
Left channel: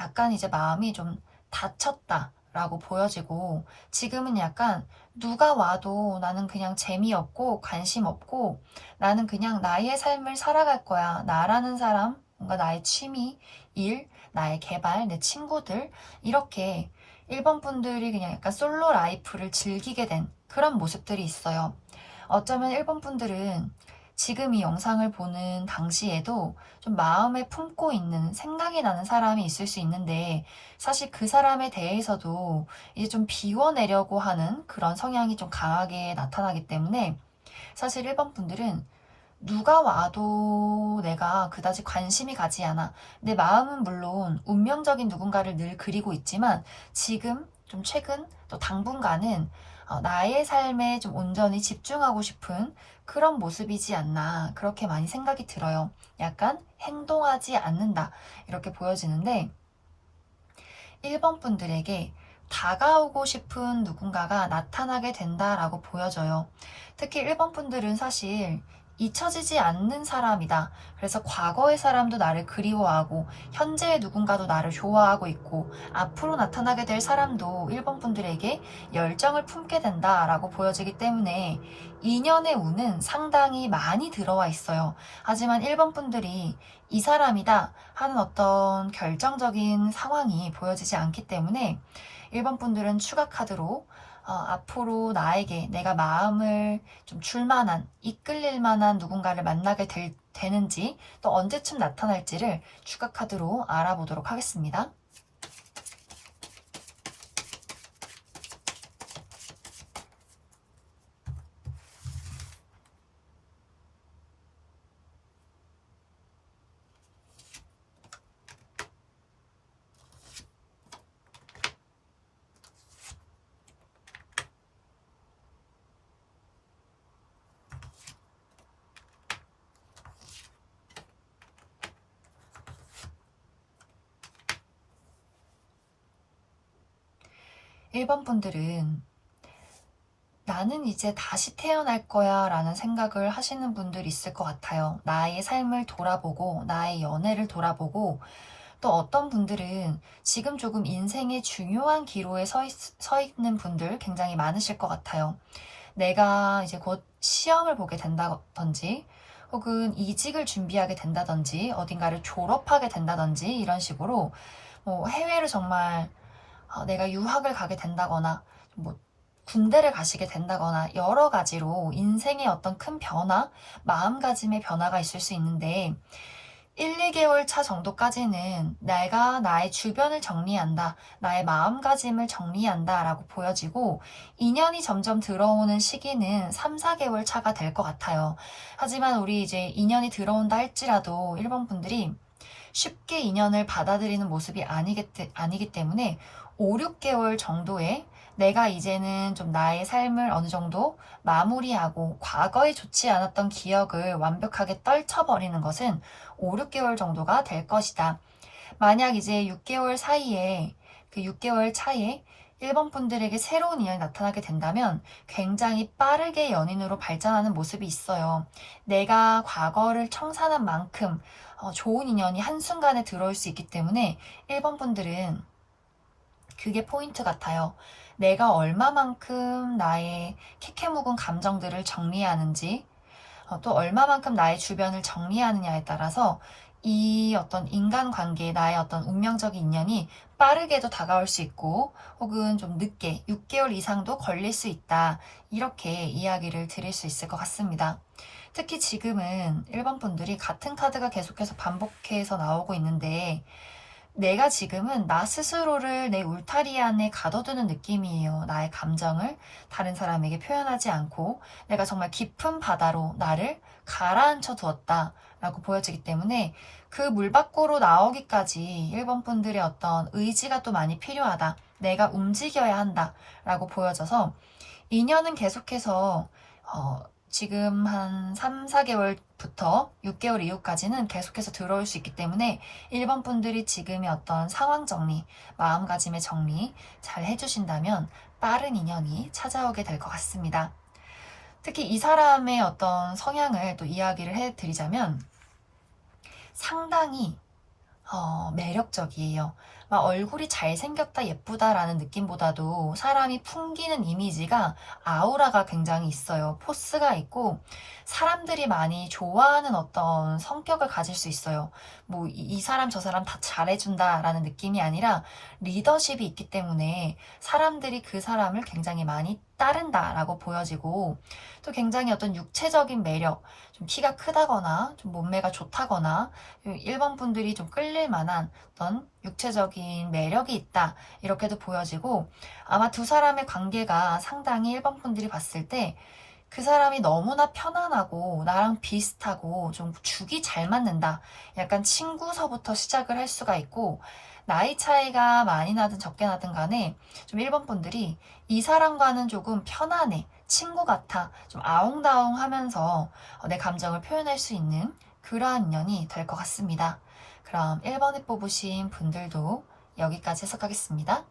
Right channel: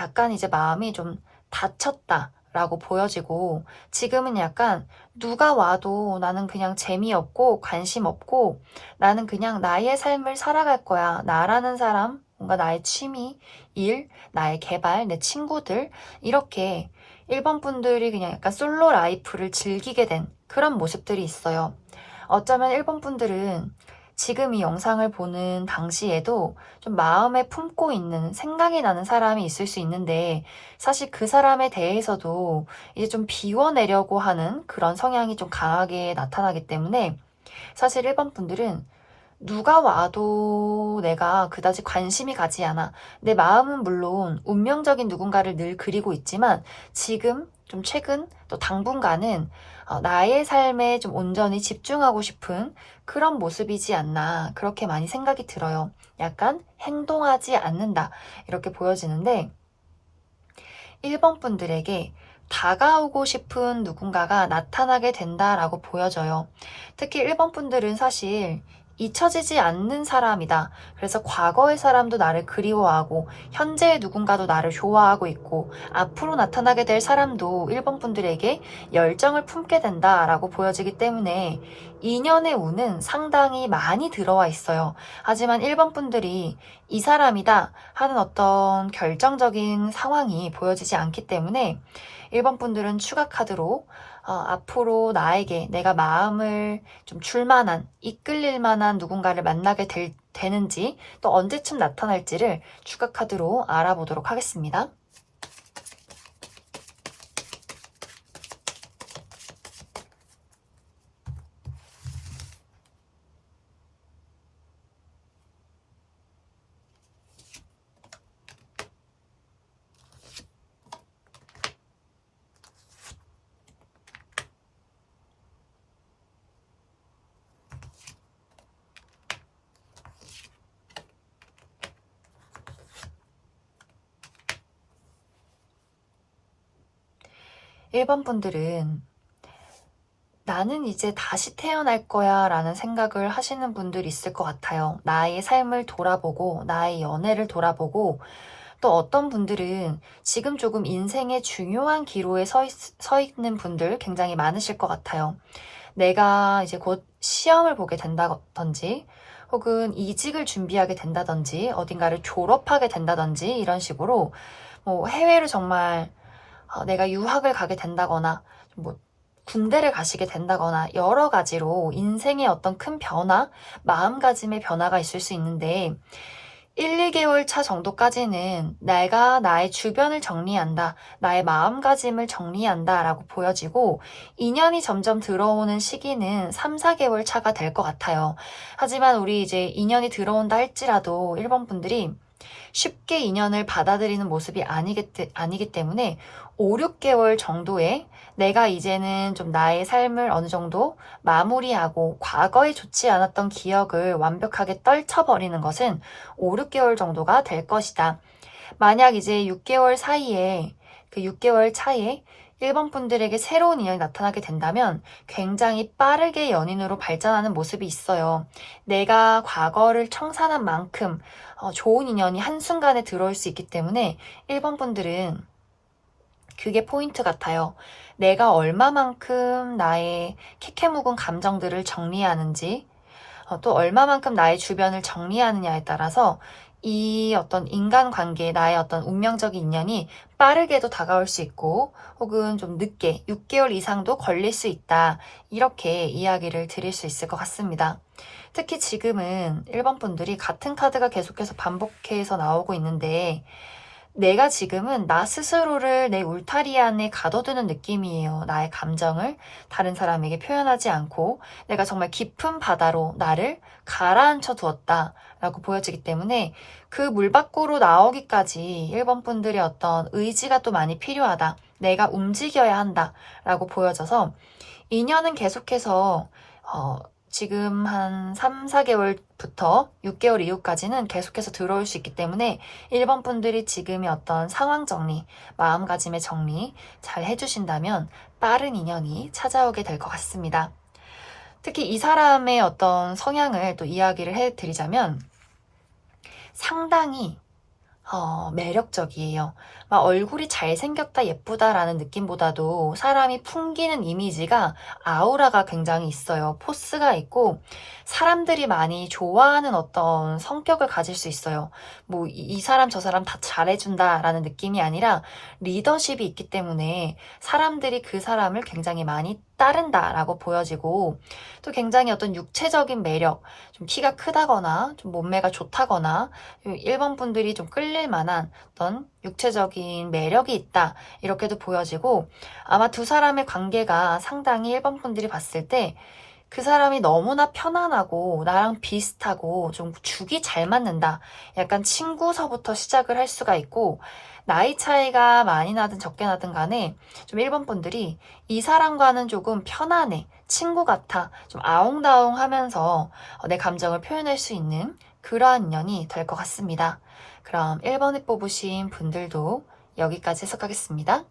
약간 이제 마음이 좀 다쳤다라고 보여지고 지금은 약간 누가 와도 나는 그냥 재미없고 관심 없고 나는 그냥 나의 삶을 살아갈 거야. 나라는 사람, 뭔가 나의 취미, 일, 나의 개발, 내 친구들 이렇게 1번 분들이 그냥 약간 솔로 라이프를 즐기게 된 그런 모습들이 있어요. 어쩌면 1번 분들은 지금 이 영상을 보는 당시에도 좀 마음에 품고 있는 생각이 나는 사람이 있을 수 있는데 사실 그 사람에 대해서도 이제 좀 비워내려고 하는 그런 성향이 좀 강하게 나타나기 때문에 사실 1번 분들은 누가 와도 내가 그다지 관심이 가지 않아. 내 마음은 물론 운명적인 누군가를 늘 그리고 있지만 지금 좀 최근 또 당분간은 나의 삶에 좀 온전히 집중하고 싶은 그런 모습이지 않나 그렇게 많이 생각이 들어요. 약간 행동하지 않는다 이렇게 보여지는데 1번 분들에게 다가오고 싶은 누군가가 나타나게 된다라고 보여져요. 특히 1번 분들은 사실 잊혀지지 않는 사람이다. 그래서 과거의 사람도 나를 그리워하고 현재의 누군가도 나를 좋아하고 있고 앞으로 나타나게 될 사람도 1번 분들에게 열정을 품게 된다라고 보여지기 때문에 인연의 운은 상당히 많이 들어와 있어요. 하지만 1번 분들이 이 사람이다 하는 어떤 결정적인 상황이 보여지지 않기 때문에 1번 분들은 추가 카드로 앞으로 나에게 내가 마음을 좀 줄 만한, 이끌릴 만한 누군가를 만나게 되는지 또 언제쯤 나타날지를 추가 카드로 알아보도록 하겠습니다. 1번 분들은 나는 이제 다시 태어날 거야 라는 생각을 하시는 분들이 있을 것 같아요. 나의 삶을 돌아보고, 나의 연애를 돌아보고, 또 어떤 분들은 지금 조금 인생의 중요한 기로에 서 있는 분들 굉장히 많으실 것 같아요. 내가 이제 곧 시험을 보게 된다든지, 혹은 이직을 준비하게 된다든지, 어딘가를 졸업하게 된다든지, 이런 식으로 뭐 해외를 정말 내가 유학을 가게 된다거나, 뭐 군대를 가시게 된다거나 여러 가지로 인생의 어떤 큰 변화, 마음가짐의 변화가 있을 수 있는데 1, 2개월 차 정도까지는 내가 나의 주변을 정리한다, 나의 마음가짐을 정리한다 라고 보여지고 인연이 점점 들어오는 시기는 3, 4개월 차가 될 것 같아요. 하지만 우리 이제 인연이 들어온다 할지라도 1번 분들이 쉽게 인연을 받아들이는 모습이 아니기 때문에 5, 6개월 정도의 내가 이제는 좀 나의 삶을 어느 정도 마무리하고 과거에 좋지 않았던 기억을 완벽하게 떨쳐버리는 것은 5, 6개월 정도가 될 것이다. 만약 이제 6개월 사이에 그 6개월 차에 1번 분들에게 새로운 인연이 나타나게 된다면 굉장히 빠르게 연인으로 발전하는 모습이 있어요. 내가 과거를 청산한 만큼 좋은 인연이 한순간에 들어올 수 있기 때문에 1번 분들은 그게 포인트 같아요. 내가 얼마만큼 나의 캐캐묵은 감정들을 정리하는지, 또 얼마만큼 나의 주변을 정리하느냐에 따라서 이 어떤 인간관계, 나의 어떤 운명적인 인연이 빠르게도 다가올 수 있고, 혹은 좀 늦게 6개월 이상도 걸릴 수 있다. 이렇게 이야기를 드릴 수 있을 것 같습니다. 특히 지금은 1번 분들이 같은 카드가 계속해서 반복해서 나오고 있는데, 내가 지금은 나 스스로를 내 울타리 안에 가둬두는 느낌이에요. 나의 감정을 다른 사람에게 표현하지 않고 내가 정말 깊은 바다로 나를 가라앉혀 두었다 라고 보여지기 때문에 그 물 밖으로 나오기까지 1번 분들의 어떤 의지가 또 많이 필요하다. 내가 움직여야 한다 라고 보여져서 인연은 계속해서 지금 한 3, 4개월부터 6개월 이후까지는 계속해서 들어올 수 있기 때문에 1번 분들이 지금의 어떤 상황 정리, 마음가짐의 정리 잘 해주신다면 빠른 인연이 찾아오게 될 것 같습니다. 특히 이 사람의 어떤 성향을 또 이야기를 해드리자면 상당히 매력적이에요. 막 얼굴이 잘생겼다, 예쁘다라는 느낌보다도 사람이 풍기는 이미지가 아우라가 굉장히 있어요. 포스가 있고 사람들이 많이 좋아하는 어떤 성격을 가질 수 있어요. 뭐 이 사람 저 사람 다 잘해준다라는 느낌이 아니라 리더십이 있기 때문에 사람들이 그 사람을 굉장히 많이 따른다라고 보여지고 또 굉장히 어떤 육체적인 매력, 좀 키가 크다거나 좀 몸매가 좋다거나 1번 분들이 좀 끌릴 만한 어떤 육체적인 매력이 있다 이렇게도 보여지고 아마 두 사람의 관계가 상당히 1번 분들이 봤을 때 그 사람이 너무나 편안하고 나랑 비슷하고 좀 죽이 잘 맞는다. 약간 친구서부터 시작을 할 수가 있고 나이 차이가 많이 나든 적게 나든 간에 좀 1번 분들이 이 사람과는 조금 편안해. 친구 같아. 좀 아웅다웅 하면서 내 감정을 표현할 수 있는 그러한 인연이 될 것 같습니다. 그럼 1번에 뽑으신 분들도 여기까지 해석하겠습니다.